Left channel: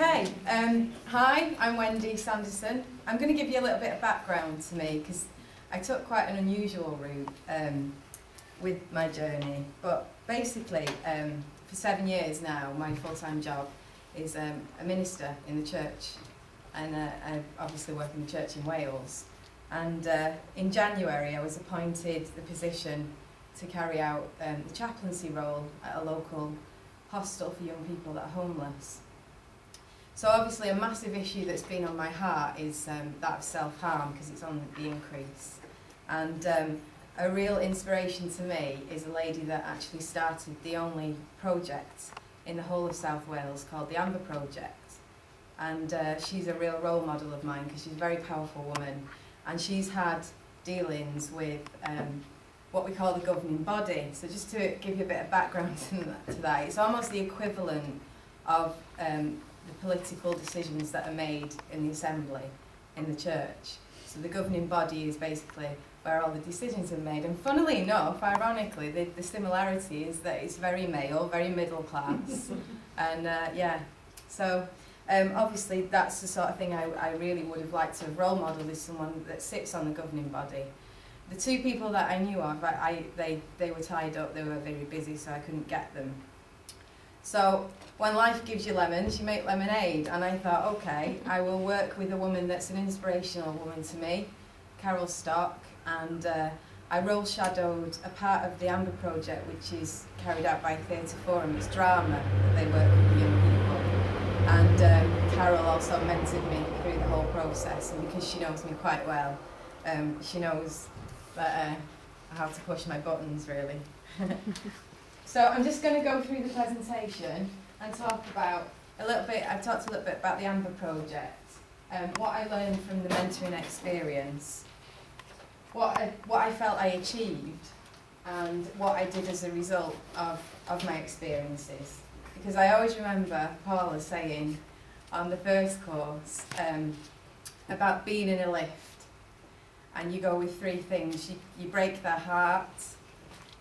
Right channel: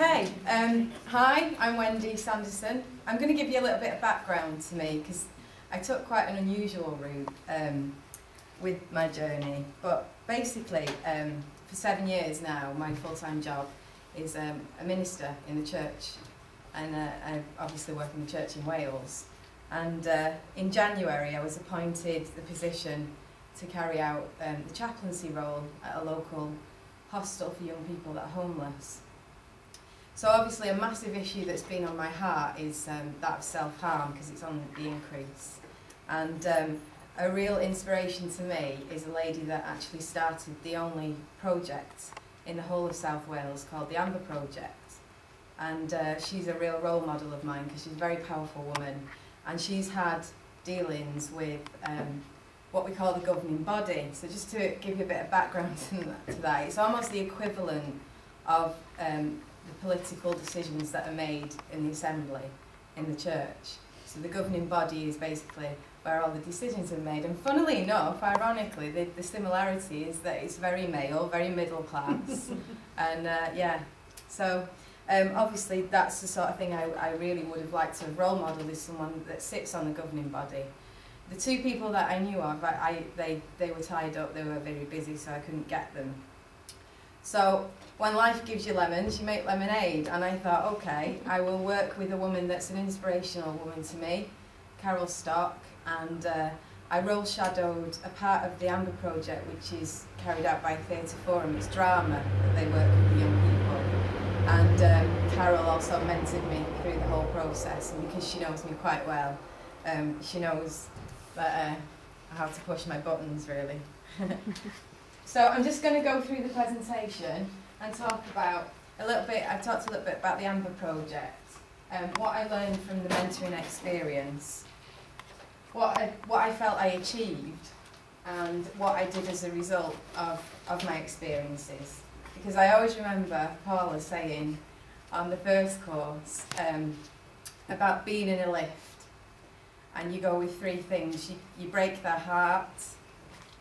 Okay, hi, I'm Wendy Sanderson. I'm going to give you a little bit of background to me because I took quite an unusual route with my journey. But basically, for 7 years now, my full-time job is a minister in the church. And I obviously work in the church in Wales. And in January, I was appointed the position to carry out the chaplaincy role at a local hostel for young people that are homeless. So obviously a massive issue that's been on my heart is that of self-harm, because it's on the increase. And a real inspiration to me is a lady that actually started the only project in the whole of South Wales called the Amber Project. And she's a real role model of mine because she's a very powerful woman. And she's had dealings with what we call the governing body. So just to give you a bit of background to that, it's almost the equivalent of the political decisions that are made in the assembly, in the church. So the governing body is basically where all the decisions are made. And funnily enough, ironically, the similarity is that it's very male, very middle class. And yeah, so obviously that's the sort of thing I really would have liked to have role modelled, is someone that sits on the governing body. The two people that I knew of, they were tied up, they were very busy, so I couldn't get them. So when life gives you lemons, you make lemonade. And I thought, okay, I will work with a woman that's an inspirational woman to me, Carol Stock, and I role shadowed a part of the Amber Project, which is carried out by Theatre Forum. It's drama that they work with the young people. And Carol also mentored me through the whole process, and because she knows me quite well, she knows that, how to push my buttons, really. So I'm just going to go through the presentation and talk about a little bit. I talked a little bit about the Amber Project, what I learned from the mentoring experience, what I felt I achieved, and what I did as a result of my experiences. Because I always remember Paula saying on the first course about being in a lift, and you go with 3 things. You break their heart.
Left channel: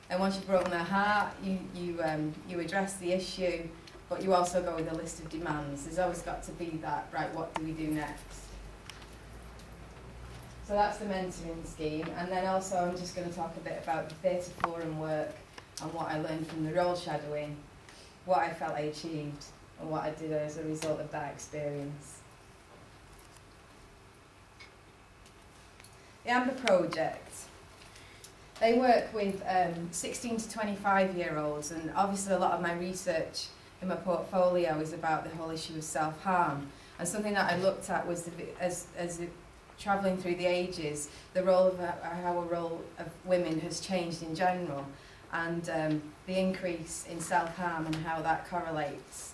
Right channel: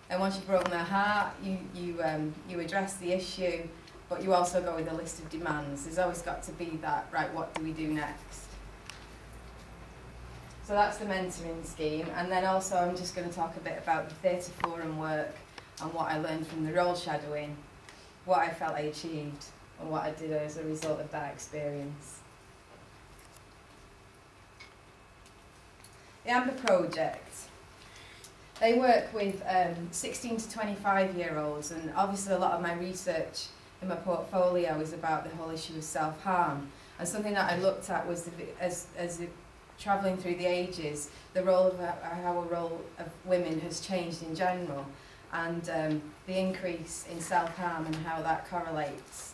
And once you've broken their heart, you address the issue, but you also go with a list of demands. There's always got to be that, right, what do we do next? So that's the mentoring scheme. And then also I'm just going to talk a bit about the Theatre Forum work and what I learned from the role shadowing, what I felt I achieved, and what I did as a result of that experience. The Amber Project. They work with 16 to 25-year-olds, and obviously a lot of my research in my portfolio is about the whole issue of self-harm. And something that I looked at was, travelling through the ages, the role of how a role of women has changed in general, and the increase in self-harm and how that correlates.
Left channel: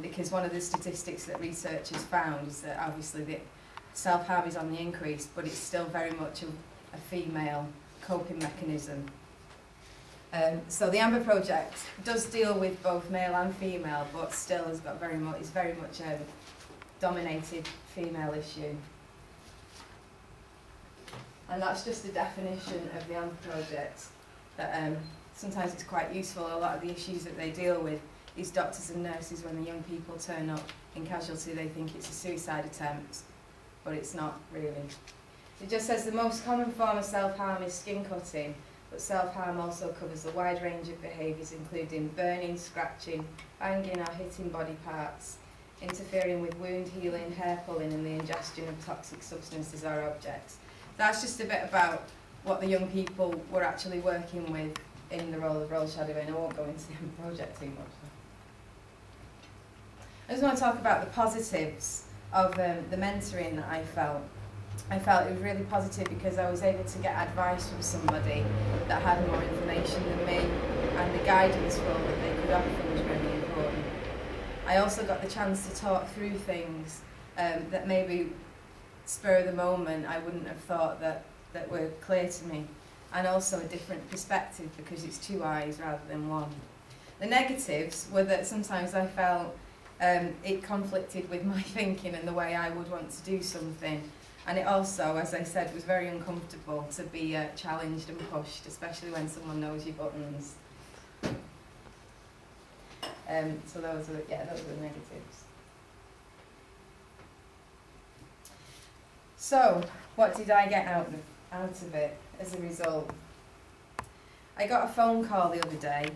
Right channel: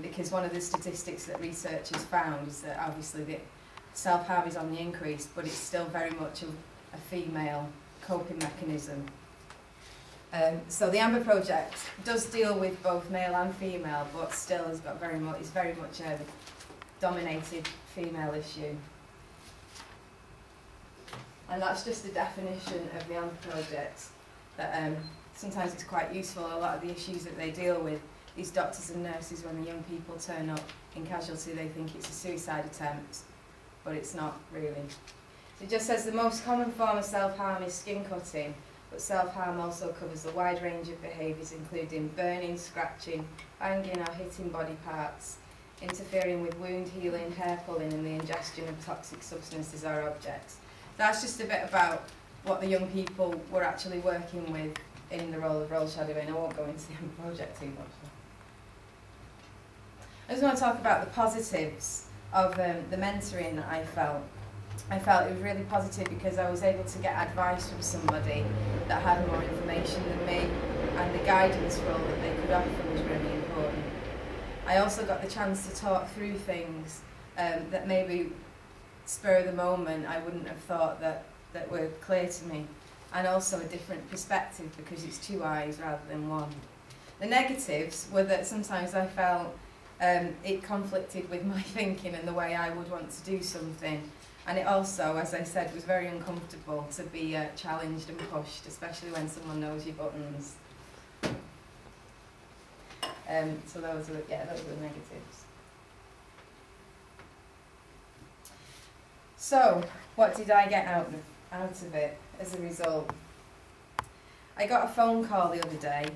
Because one of the statistics that researchers found is that obviously the self-harm is on the increase, but it's still very much a female coping mechanism. So the Amber Project does deal with both male and female, but still has got is very much a dominated female issue. And that's just a definition of the Amber Project. That sometimes it's quite useful. A lot of the issues that they deal with, these doctors and nurses, when the young people turn up in casualty, they think it's a suicide attempt, but it's not really. It just says the most common form of self-harm is skin cutting, but self-harm also covers a wide range of behaviours, including burning, scratching, banging or hitting body parts, interfering with wound healing, hair pulling, and the ingestion of toxic substances or objects. That's just a bit about what the young people were actually working with in the role of role shadowing. I won't go into the project too much. I just want to talk about the positives of the mentoring that I felt. I felt it was really positive because I was able to get advice from somebody that had more information than me, and the guidance role that they could offer was really important. I also got the chance to talk through things that maybe spur of the moment I wouldn't have thought that were clear to me, and also a different perspective because it's 2 eyes rather than 1. The negatives were that sometimes I felt it conflicted with my thinking and the way I would want to do something. And it also, as I said, was very uncomfortable to be challenged and pushed, especially when someone knows your buttons. So those are the negatives. So, what did I get out of it as a result? I got a phone call the other day.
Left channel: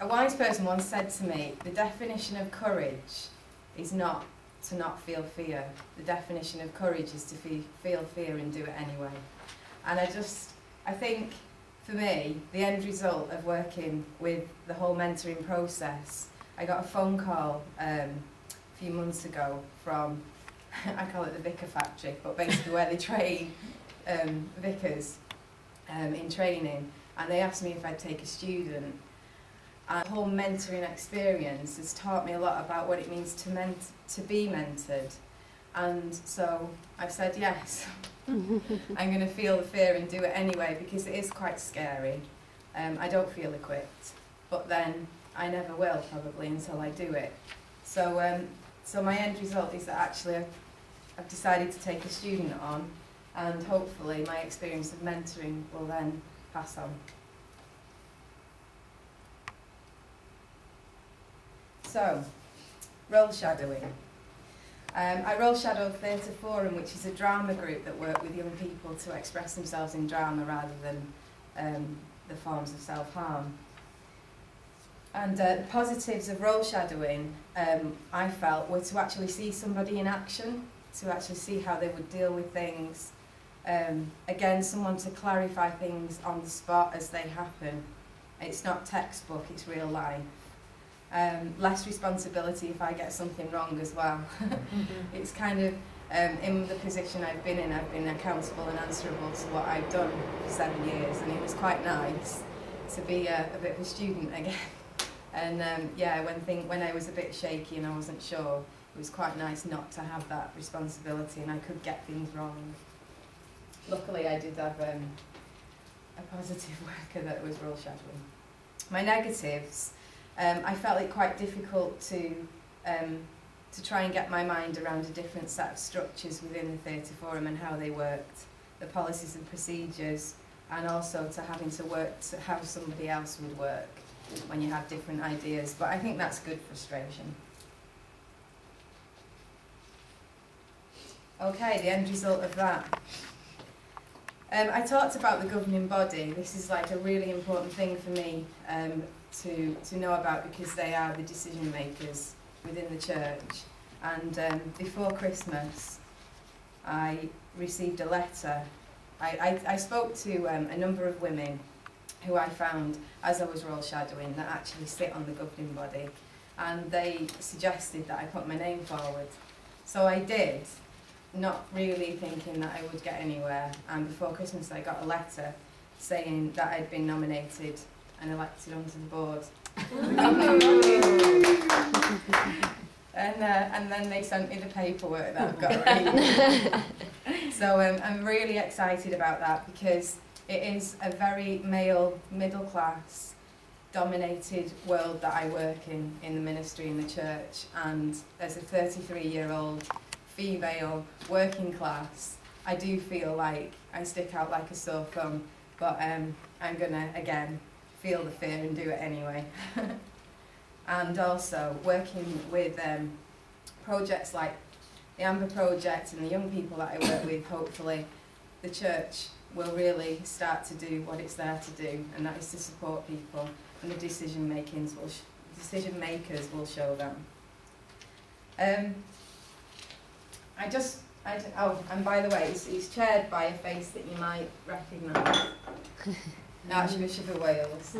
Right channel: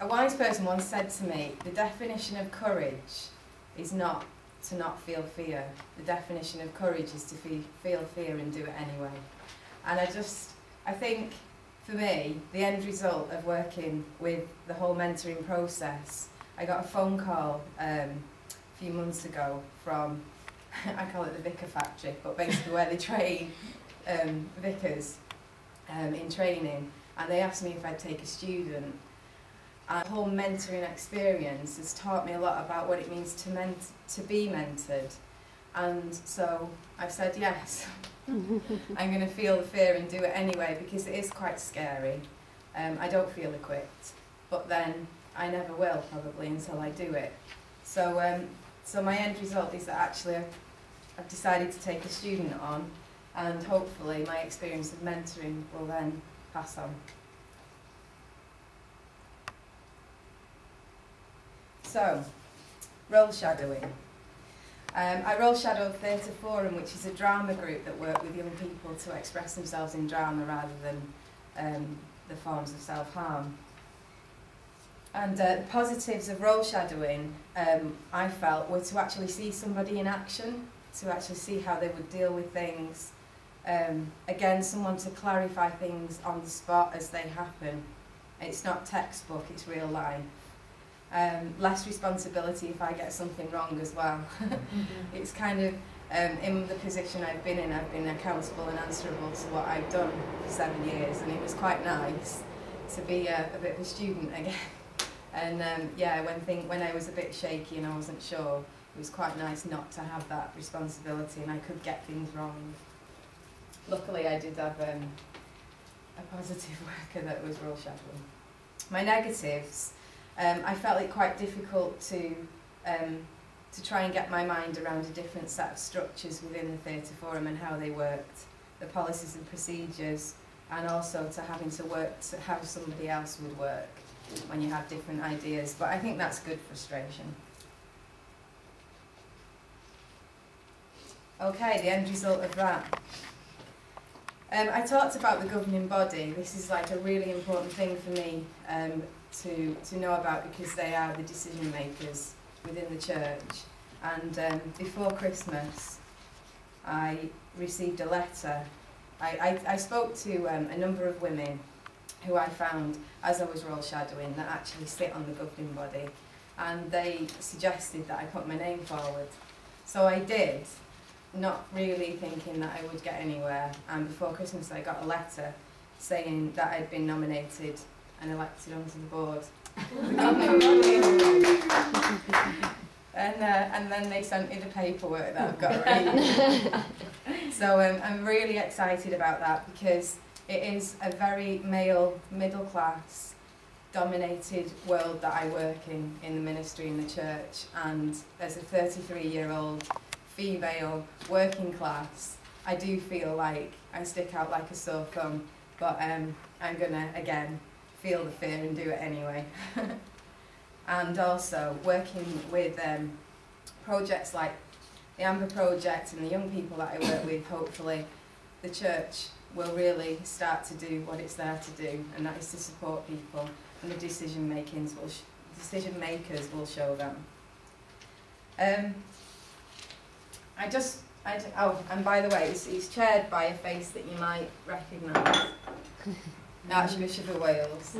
A wise person once said to me, the definition of courage is not to not feel fear. The definition of courage is to feel fear and do it anyway. And I think for me, the end result of working with the whole mentoring process, I got a phone call a few months ago from, I call it the Vicar Factory, but basically where they train vicars in training, and they asked me if I'd take a student. And the whole mentoring experience has taught me a lot about what it means to be mentored. And so I've said yes. I'm going to feel the fear and do it anyway, because it is quite scary. I don't feel equipped, but then I never will probably until I do it. So, so my end result is that actually I've decided to take a student on, and hopefully my experience of mentoring will then pass on. So, role shadowing. I role shadow Theatre Forum, which is a drama group that work with young people to express themselves in drama rather than the forms of self-harm. And the positives of role shadowing, I felt, were to actually see somebody in action, to actually see how they would deal with things. Again, someone to clarify things on the spot as they happen. It's not textbook, it's real life. Less responsibility if I get something wrong as well. It's kind of, in the position I've been accountable and answerable to what I've done for 7 years, and it was quite nice to be a bit of a student again. And yeah, when I was a bit shaky and I wasn't sure, it was quite nice not to have that responsibility, and I could get things wrong. Luckily I did have a positive worker that was role shadowing. My negatives, I felt it quite difficult to try and get my mind around a different set of structures within the Theatre Forum and how they worked, the policies and procedures, and also to having to work to how somebody else would work when you have different ideas. But I think that's good frustration. Okay, the end result of that. I talked about the governing body. This is like a really important thing for me to know about, because they are the decision makers within the church. And before Christmas, I received a letter. I spoke to a number of women who I found, as I was role shadowing, that actually sit on the governing body, and they suggested that I put my name forward. So I did, not really thinking that I would get anywhere, and before Christmas I got a letter saying that I'd been nominated and elected onto the board. And then they sent me the paperwork that I've got to read. So I'm really excited about that, because it is a very male, middle-class dominated world that I work in the ministry in the church, and as a 33-year-old female working class, I do feel like I stick out like a sore thumb, but I'm gonna again feel the fear and do it anyway. And also working with projects like the Amber Project and the young people that I work with, hopefully the church will really start to do what it's there to do, and that is to support people, and the decision makers will show them. Oh, and by the way, it's chaired by a face that you might recognise. Archbishop of Wales.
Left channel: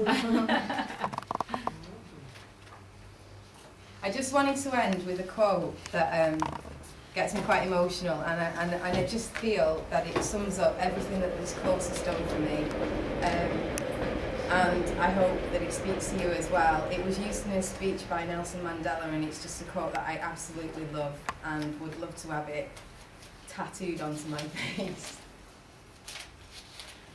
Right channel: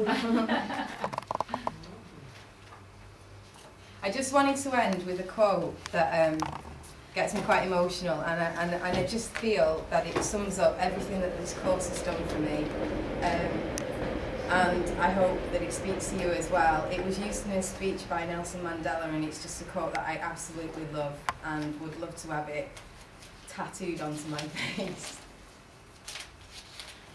I just wanted to end with a quote that gets me quite emotional, and I just feel that it sums up everything that this course has done for me. And I hope that it speaks to you as well. It was used in a speech by Nelson Mandela, and it's just a quote that I absolutely love and would love to have it tattooed onto my face.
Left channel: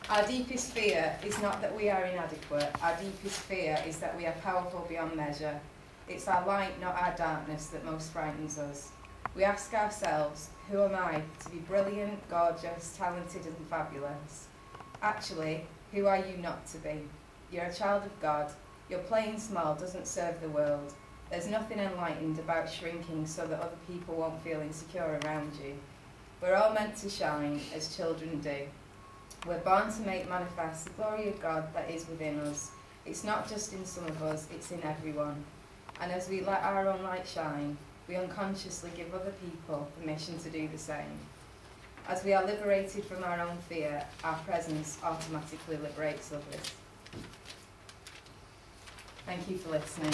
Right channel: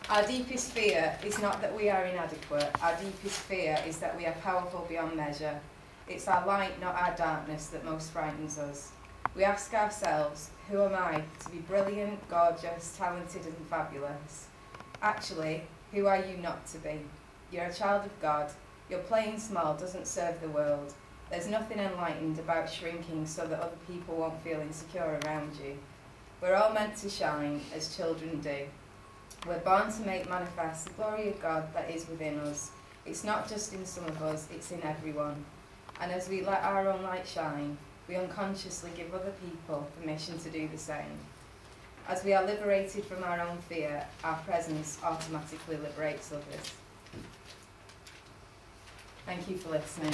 Our deepest fear is not that we are inadequate. Our deepest fear is that we are powerful beyond measure. It's our light, not our darkness, that most frightens us. We ask ourselves, who am I to be brilliant, gorgeous, talented and fabulous? Actually, who are you not to be? You're a child of God. Your playing small doesn't serve the world. There's nothing enlightened about shrinking so that other people won't feel insecure around you. We're all meant to shine as children do. We're born to make manifest the glory of God that is within us. It's not just in some of us, it's in everyone. And as we let our own light shine, we unconsciously give other people permission to do the same. As we are liberated from our own fear, our presence automatically liberates others. Thank you for listening.